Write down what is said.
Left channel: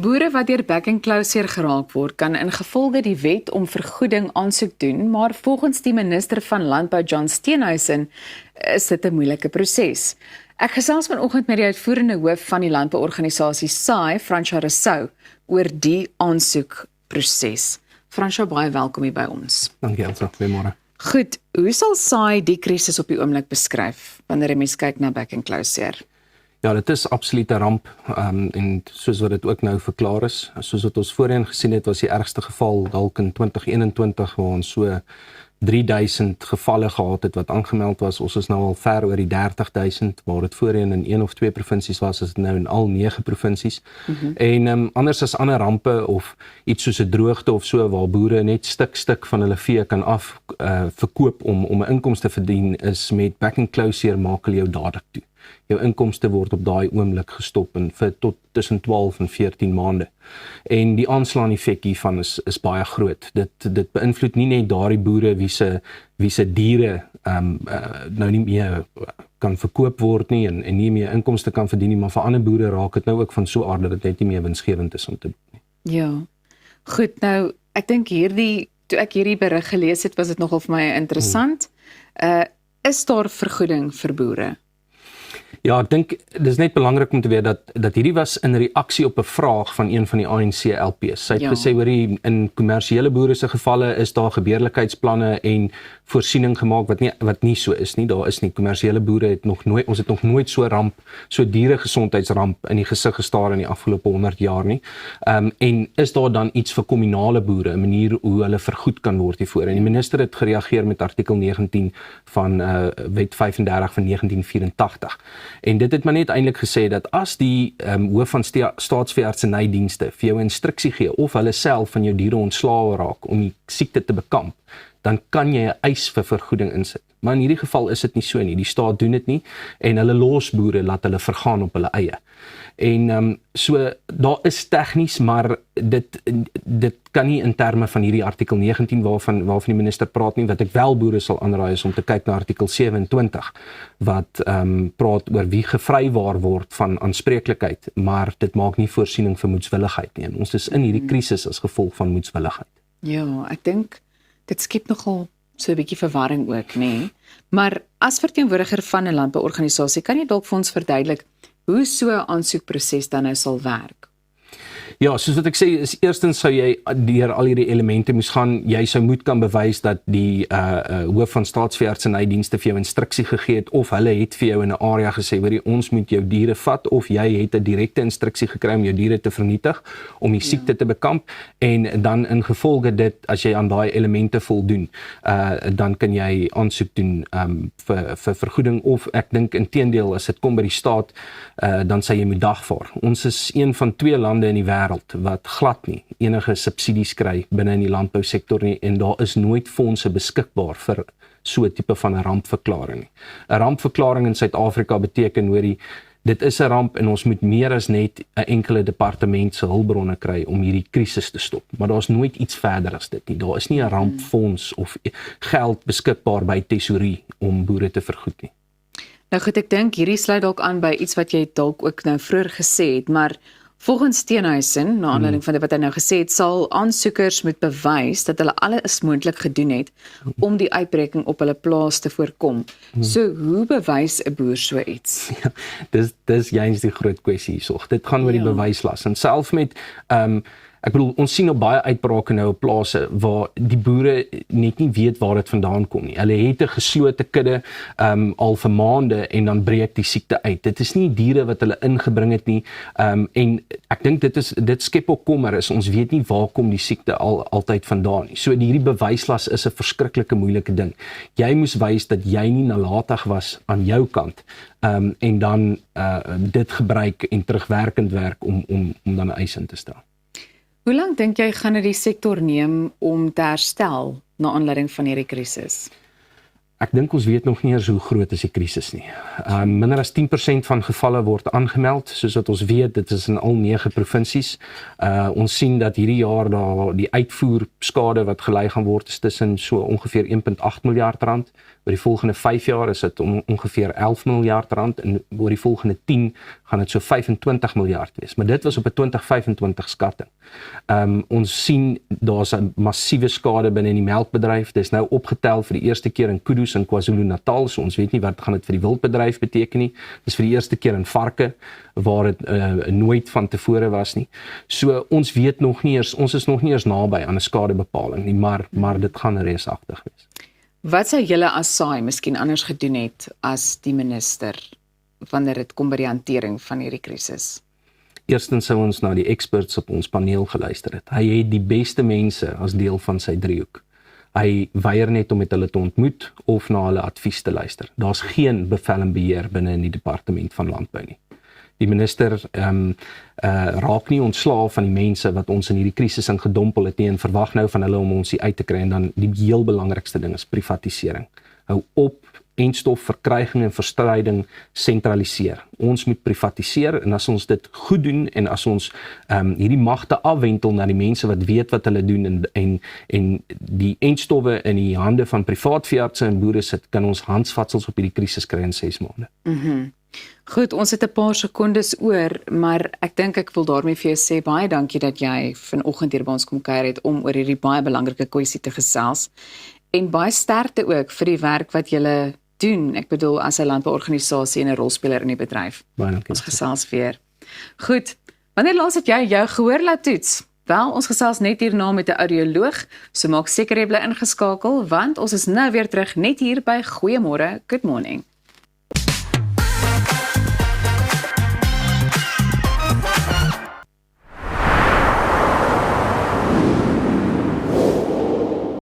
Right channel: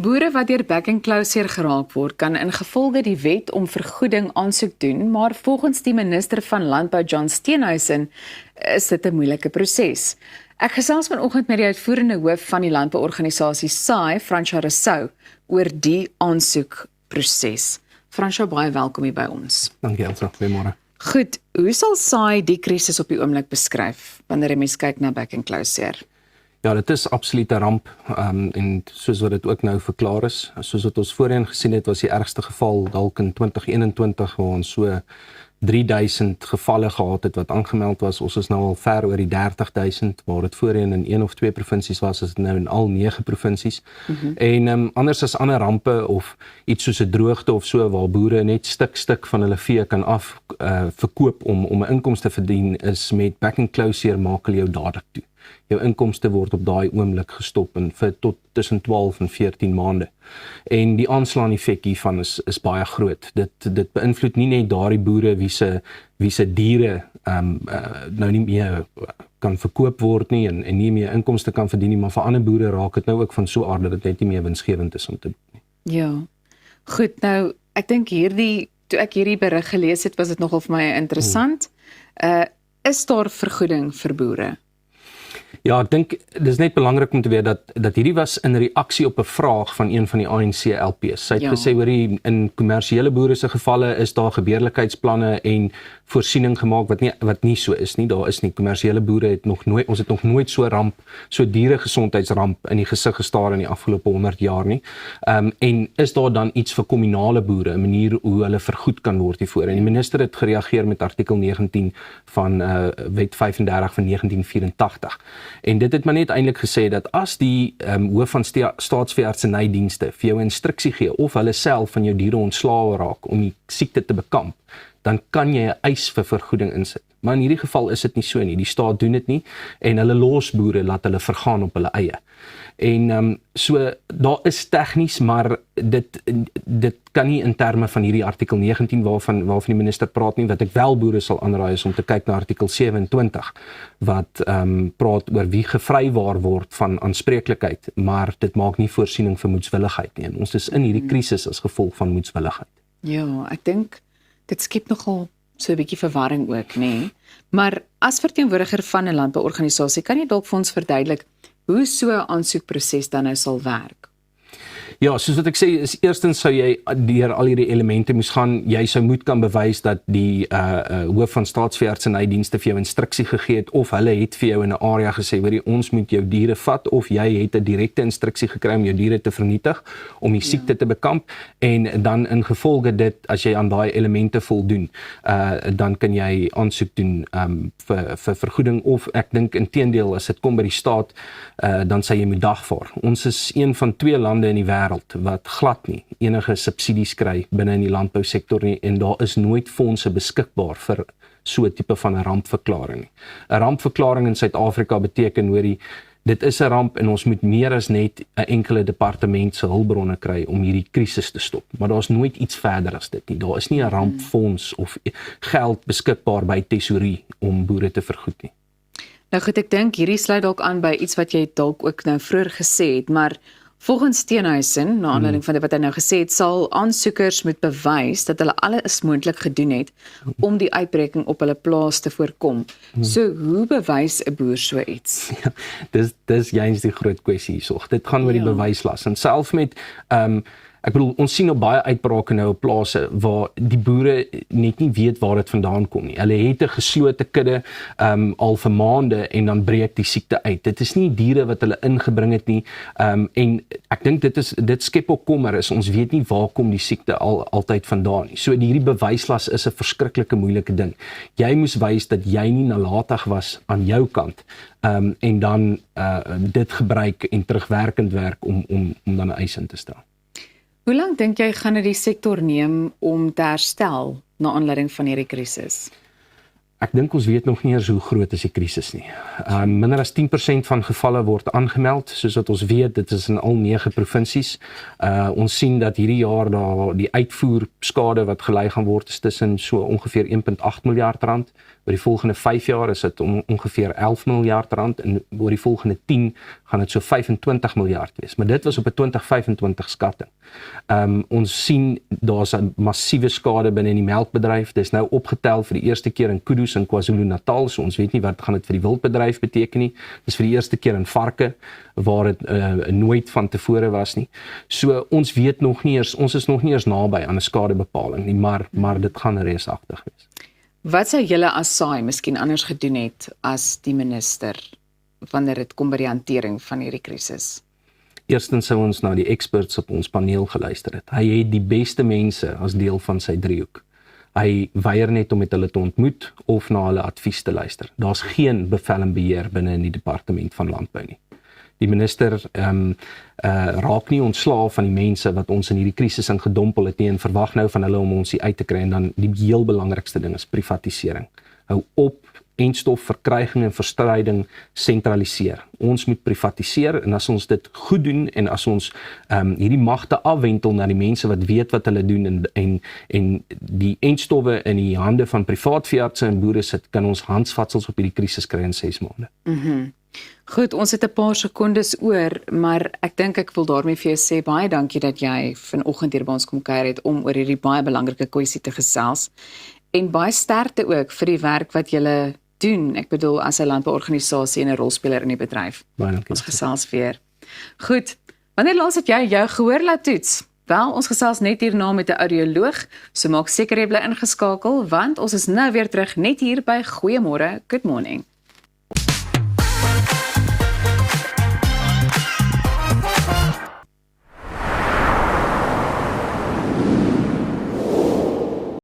Boere wat deur back and closure geraak word, kan ingevolge die wet om vergoeding aansoek doen, maar volgens die minister van Landbou John Steenhuisen is dit 'n moeilike proses. Ek gesels vanoggend met die uitvoerende hoof van die landbouorganisasie SAI, Fransja Rousseau, oor die aansoekproses. Fransja, baie welkom hier by ons. Dankie Elsa, goeiemôre. Goed, hoe sal SAI die krisis op die oomblik beskryf wanneer 'n mens kyk na back and closure? Ja, dit is absoluut 'n ramp en soos wat dit ook nou verklaar is, soos wat ons voorheen gesien het, was die ergste geval dalk in 2021 waar ons so 3000 gevalle gehad het wat aangemeld was. Ons is nou al ver oor die 30.000 waar dit voorheen in 1 of 2 provinsies was, is dit nou in al 9 provinsies. En anders as ander rampe of iets soos 'n droogte of so waar boere net stuk van hulle vee kan verkoop om 'n inkomste te verdien, is met back and closure maak hulle jou dadelik toe. Jou inkomste word op daai oomblik gestop en vir tot tussen 12 en 14 maande. En die aanslaan effek hiervan is baie groot. Dit beïnvloed nie net daardie boere wie se diere nou nie meer kan verkoop word nie en nie meer inkomste kan verdien nie, maar vir ander boere raak dit nou ook van so aard dat dit net nie meer winsgewend is om te doen. Ja, goed, nou, ek dink toe ek hierdie berig gelees het, was dit nogal vir my interessant. Is daar vergoeding vir boere? Ja, ek dink dit is net belangrik om te weet dat hierdie was in reaksie op 'n vraag van een van die ANC LP's. Sy het gesê oor in kommersiële boere se gevalle is daar gebeurlikheidsplanne en voorsiening gemaak wat nie so is nie. Daar is nie kommersiële boere ons het nog nooit so dieregesondheidsramp in die gesig gestaar in die afgelope 100 jaar nie. En is daar dan iets vir kommunale boere, 'n manier hoe hulle vergoed kan word hiervoor? En die minister het gereageer met artikel 19 van wet 35 van 1984. En dit het maar net eintlik gesê dat as die hoof van staatsveeartsenydienste vir jou instruksie gee of hulle self van jou diere ontslae raak om die siekte te bekamp, dan kan jy 'n eis vir vergoeding insit. Maar in hierdie geval is dit nie so nie. Die staat doen dit nie en hulle los boere laat hulle vergaan op hulle eie. En so daar is tegnies, maar dit kan nie in terme van hierdie artikel 19 waarvan die minister praat nie. Wat ek wel boere sal aanraai is om te kyk na artikel 27 wat praat oor wie gevrywaar word van aanspreeklikheid, maar dit maak nie voorsiening vir moedswilligheid nie. En ons is in hierdie krisis as gevolg van moedswilligheid. Ja, ek dink dit skep nogal so 'n bietjie verwarring ook, nê? Maar as verteenwoordiger van 'n landbouorganisasie, kan jy dalk vir ons verduidelik hoe so 'n aansoekproses dan nou sal werk? Ja, soos wat ek sê, is eerstens sou jy deur al hierdie elemente moes gaan, jy sou moet kan bewys dat die hoof van staatsveeartsenydienste vir jou instruksie gegee het, of hulle het vir jou in 'n area gesê, hoorie, ons moet jou diere vat, of jy het 'n direkte instruksie gekry om jou diere te vernietig, om die siekte te bekamp, en dan ingevolge dit, as jy aan daai elemente voldoen, dan kan jy aansoek doen vir vergoeding, of ek dink inteendeel, as dit kom by die staat, dan sê jy moet dagvaar. Ons is een van 2 lande in die wêreld wat glad nie enige subsidies kry binne in die landbousektor nie, en daar is nooit fondse beskikbaar vir so 'n tipe van 'n rampverklaring nie. 'n Rampverklaring in Suid-Afrika beteken, dit is 'n ramp en ons moet meer as net 'n enkele departement se hulpbronne kry om hierdie krisis te stop. Maar daar's nooit iets verder as dit nie. Daar is nie 'n rampfonds of geld beskikbaar by tesourie om boere te vergoed nie. Nou goed, ek dink hierdie sluit dalk aan by iets wat jy dalk ook nou vroeër gesê het, maar volgens Steenhuisen, na aanleiding van wat hy nou gesê het, sal aansoekers moet bewys dat hulle alles moontlik gedoen het om die uitbreking op hulle plaas te voorkom. So hoe bewys 'n boer so iets? Ja, dis juist die groot kwessie hierso. Dit gaan oor die bewyslas. En self met ek bedoel, ons sien op baie uitbrake nou op plase waar die boere net nie weet waar dit vandaan kom nie. Hulle het 'n geslote kudde al vir maande en dan breek die siekte uit. Dit is nie diere wat hulle ingebring het nie. En ek dink dit skep ook kommer, ons weet nie waar kom die siekte altyd vandaan nie. So hierdie bewyslas is 'n verskriklike moeilike ding. Jy moes wys dat jy nie nalatig was aan jou kant en dan dit gebruik en terugwerkend werk om dan 'n eis in te stel. Hoe lank dink jy gaan dit die sektor neem om te herstel na aanleiding van hierdie krisis? Ek dink ons weet nog nie eers hoe groot is die krisis nie. Minder as 10% van gevalle word aangemeld, soos wat ons weet, dit is in al 9 provinsies. Ons sien dat hierdie jaar daar die uitvoerskade wat gelei gaan word is tussen so ongeveer 1.8 miljard rand. Oor die volgende 5 jaar is dit ongeveer 11 miljard rand en oor die volgende 10 gaan dit so 25 miljard wees. Maar dit was op 'n 2025 skatting. Ons sien daar's 'n massiewe skade binne in die melkbedryf. Dit is nou opgetel vir die eerste keer in kudu's in KwaZulu-Natal, so ons weet nie wat gaan dit vir die wildbedryf beteken nie. Dis vir die eerste keer in varke waar dit nooit van tevore was nie. So ons weet nog nie eens, ons is nog nie eens naby aan 'n skadebepaling nie, maar dit gaan reusagtig wees. Wat sou julle as SAI miskien anders gedoen het as die minister wanneer dit kom by die hantering van hierdie krisis? Eerstens sou ons na die experts op ons paneel geluister het. Hy het die beste mense as deel van sy driehoek. Hy weier net om met hulle te ontmoet of na hulle advies te luister. Daar's geen bevel en beheer binne in die departement van landbou nie. Die minister raak nie ontslae van die mense wat ons in hierdie krisis ingedompel het nie en verwag nou van hulle om ons hier uit te kry. En dan die heel belangrikste ding is privatisering. Hou op enstof, verkryging en verstryding sentraliseer. Ons moet privatiseer en as ons dit goed doen en as ons hierdie magte afwentel na die mense wat weet wat hulle doen en die enstowwe in die hande van privaat veeartse en boere sit, kan ons handvatsels op hierdie krisis kry in 6 maande. Goed, ons het 'n paar sekondes oor, maar ek dink ek wil daarmee vir jou sê baie dankie dat jy vanoggend hier by ons kom kuier het om oor hierdie baie belangrike kwessie te gesels. En baie sterkte ook vir die werk wat julle doen. Ek bedoel as 'n landbouorganisasie en 'n rolspeler in die bedryf. Baie dankie. Ons gesels weer. Goed. Wanneer laas het jy jou gehoor laat toets? Wel, ons gesels net hierna met 'n audioloog, so maak seker jy bly ingeskakel want ons is nou weer terug net hier by Goeiemôre, Good Morning.